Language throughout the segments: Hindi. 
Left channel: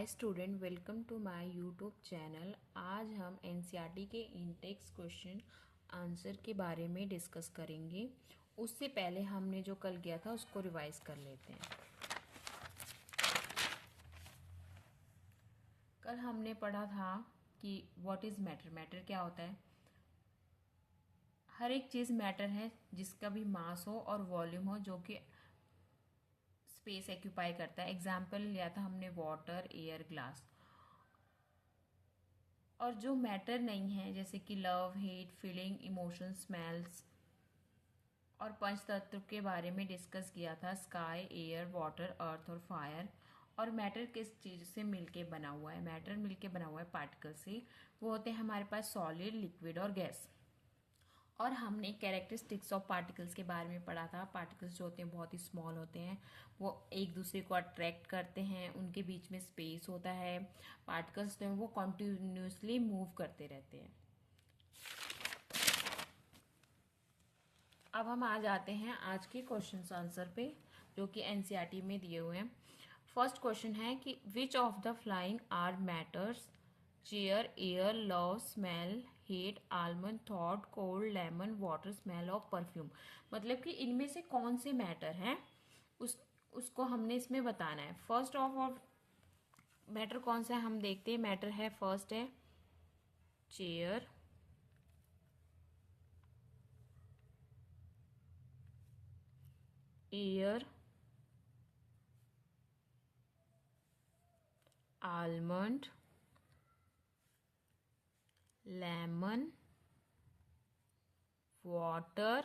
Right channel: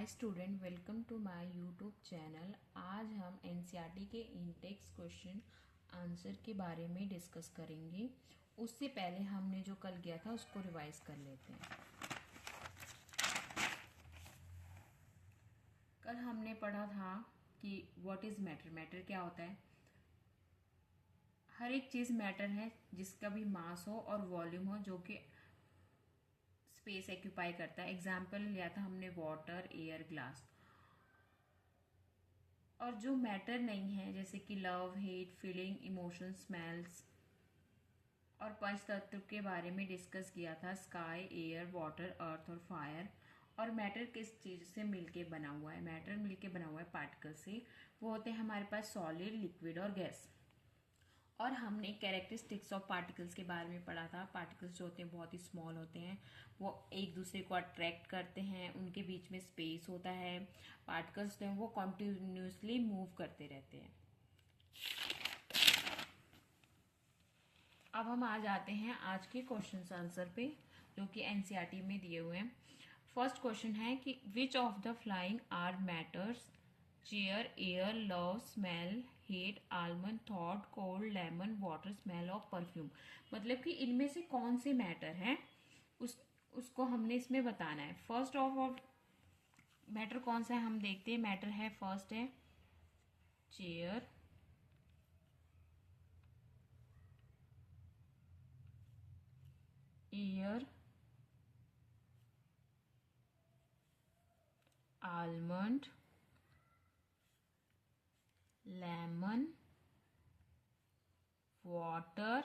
Hi student, welcome to my YouTube channel. आज हम एनसीईआरटी के इंटेक्स क्वेश्चन आंसर के बारे में डिस्कस करेंगे। उससे पहले हमने जो कल किया था उसको रिवाइज कर लेते हैं। कल हमने पढ़ा था कि व्हाट इज मैटर। मैटर क्या होता है? हर एक चीज मैटर है जिसका भी मास हो और वॉल्यूम हो, जो कि स्पेस एक्यूपाई करता है। एग्जाम्पल लिया था हमने वाटर, एयर, ग्लास। और जो मैटर नहीं है, जैसे कि love, hate, feeling, emotion, smells और पंच तत्व के बारे में डिस्कस किया था। स्काई, एयर, वाटर, अर्थ और फायर। और मैटर किस चीज से मिलके बना हुआ है? मैटर मिलके बना हुआ है पार्टिकल से। वो होते हैं हमारे पास सॉलिड, लिक्विड और गैस। और हमने कैरेक्टरिस्टिक्स ऑफ पार्टिकल्स के बारे में पढ़ा था। पार्टिकल्स जो होते हैं बहुत ही स्मॉल होते हैं, वो एक दूसरे को अट्रैक्ट करते हैं, उनके बीच में स्पेस होता है। पार्टिकल्स जो हैं वो कॉन्टिन्यूसली मूव करते रहते हैं। अब हम आ जाते हैं आज के क्वेश्चन आंसर पे, जो कि एनसीईआरटी में दिए हुए हैं। फर्स्ट क्वेश्चन है कि which of the following are matters? Chair, air, love, smell, hate, almond, thought, cold, lemon, water, smell of perfume. मतलब कि इनमें से कौन से मैटर हैं उसको हमने इसमें बताना है। फर्स्ट ऑफ मैटर कौन सा है हम देखते हैं। मैटर है, फर्स्ट है chair, air, almond, lemon, water.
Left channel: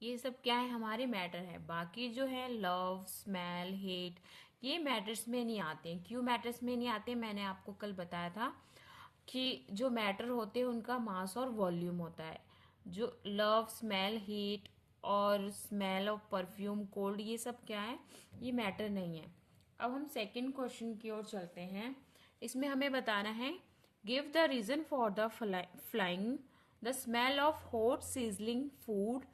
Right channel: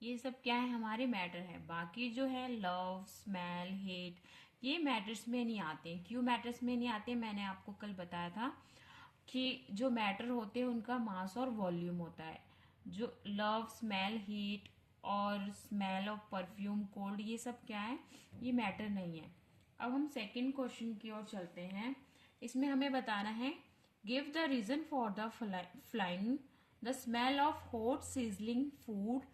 ये सब क्या है? हमारे मैटर है। बाकी जो है लव, स्मेल, हेट, ये मैटर्स में नहीं आते हैं। क्यों मैटर्स में नहीं आते? मैंने आपको कल बताया था कि जो मैटर होते हैं उनका मास और वॉल्यूम होता है। जो लव, स्मेल, हीट और स्मेल ऑफ परफ्यूम, कोल्ड, ये सब क्या है? ये मैटर नहीं है। अब हम सेकंड क्वेश्चन की ओर चलते हैं। इसमें हमें बताना है, give the reason for the following. The smell of hot sizzling food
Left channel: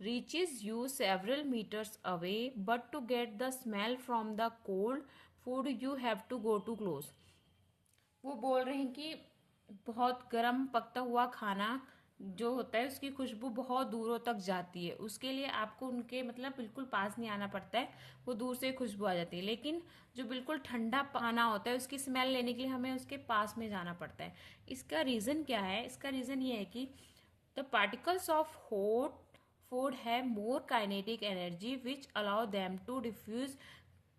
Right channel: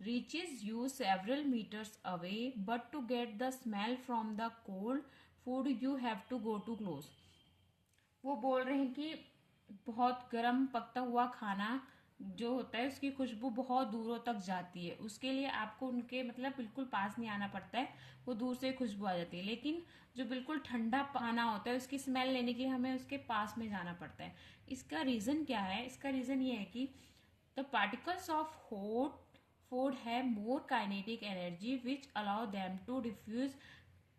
reaches you several meters away, but to get the smell from the cold food you have to go too close। वो बोल रहे हैं कि बहुत गर्म पकता हुआ खाना जो होता है उसकी खुशबू बहुत दूरों तक जाती है। उसके लिए आपको उनके मतलब बिल्कुल पास नहीं आना पड़ता है, वो दूर से खुशबू आ जाती है। लेकिन जो बिल्कुल ठंडा खाना होता है उसकी स्मेल लेने के लिए हमें उसके पास में जाना पड़ता है। इसका रीजन क्या है? इसका रीजन ये है कि the particles of hot food have more kinetic energy which allow them to diffuse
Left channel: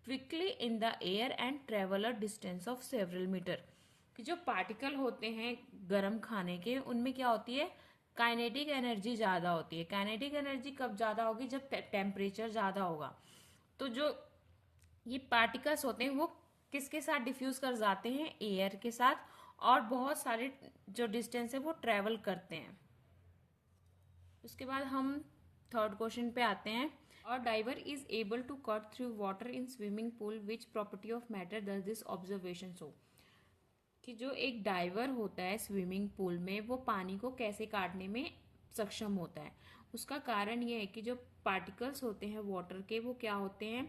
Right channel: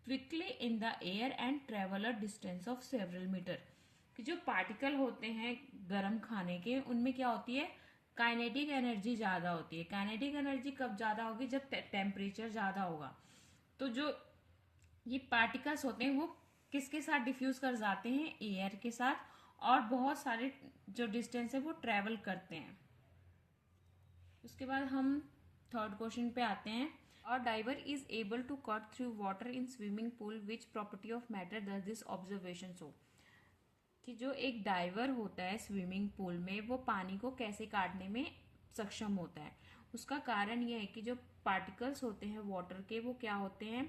quickly in the air and travel a distance of several meter। कि जो पार्टिकल होते हैं गर्म खाने के, उनमें क्या होती है? काइनेटिक एनर्जी ज्यादा होती है। काइनेटिक एनर्जी कब ज्यादा होगी? जब टेम्परेचर ज्यादा होगा। तो जो ये पार्टिकल्स होते हैं वो किसके साथ डिफ्यूज कर जाते हैं? एयर के साथ। और बहुत सारे जो डिस्टेंस है वो ट्रेवल करते हैं। उसके बाद हम थर्ड क्वेश्चन पे आते हैं। और diver is able to cut through water in swimming pool, which property of matter does this observation show? कि जो एक डाइवर होता है स्विमिंग पूल में, वो पानी को कैसे काटने में सक्षम होता है? उसका कारण यह है कि जो पार्टिकल्स होते हैं वाटर के, वो क्या होते हैं?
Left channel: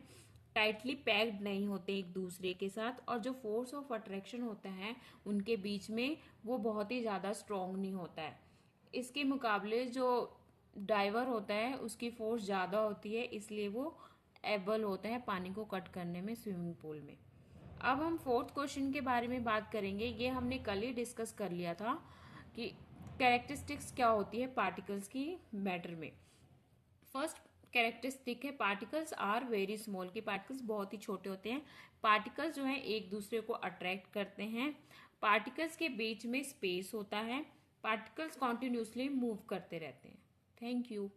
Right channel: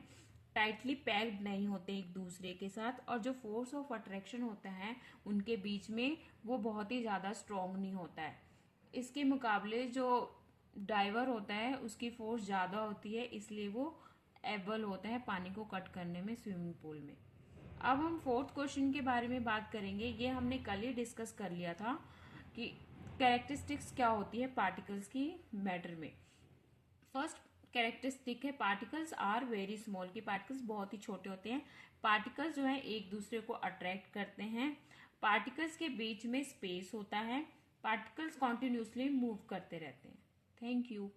टाइटली पैक्ड नहीं होते एक दूसरे के साथ। और जो फोर्स ऑफ अट्रैक्शन होता है उनके बीच में, वो बहुत ही ज्यादा स्ट्रांग नहीं होता है। इसके मुकाबले जो डाइवर होता है उसकी फोर्स ज्यादा होती है, इसलिए वो एबल होता है पानी को कट करने में स्विमिंग पूल में। अब हम फोर्थ क्वेश्चन के बारे में बात करेंगे। ये हमने कल ही डिस्कस कर लिया था कि कैरेक्टरिस्टिक्स क्या होती है पार्टिकल्स की मैटर में। फर्स्ट कैरेक्टरिस्टिक है, पार्टिकल्स आर वेरी स्मॉल। की पार्टिकल्स बहुत ही छोटे होते हैं। पार्टिकल्स जो है एक दूसरे को अट्रैक्ट करते हैं। पार्टिकल्स के बीच में स्पेस होता है। पार्टिकल्स कॉन्टिन्यूसली मूव करते रहते हैं। Thank you.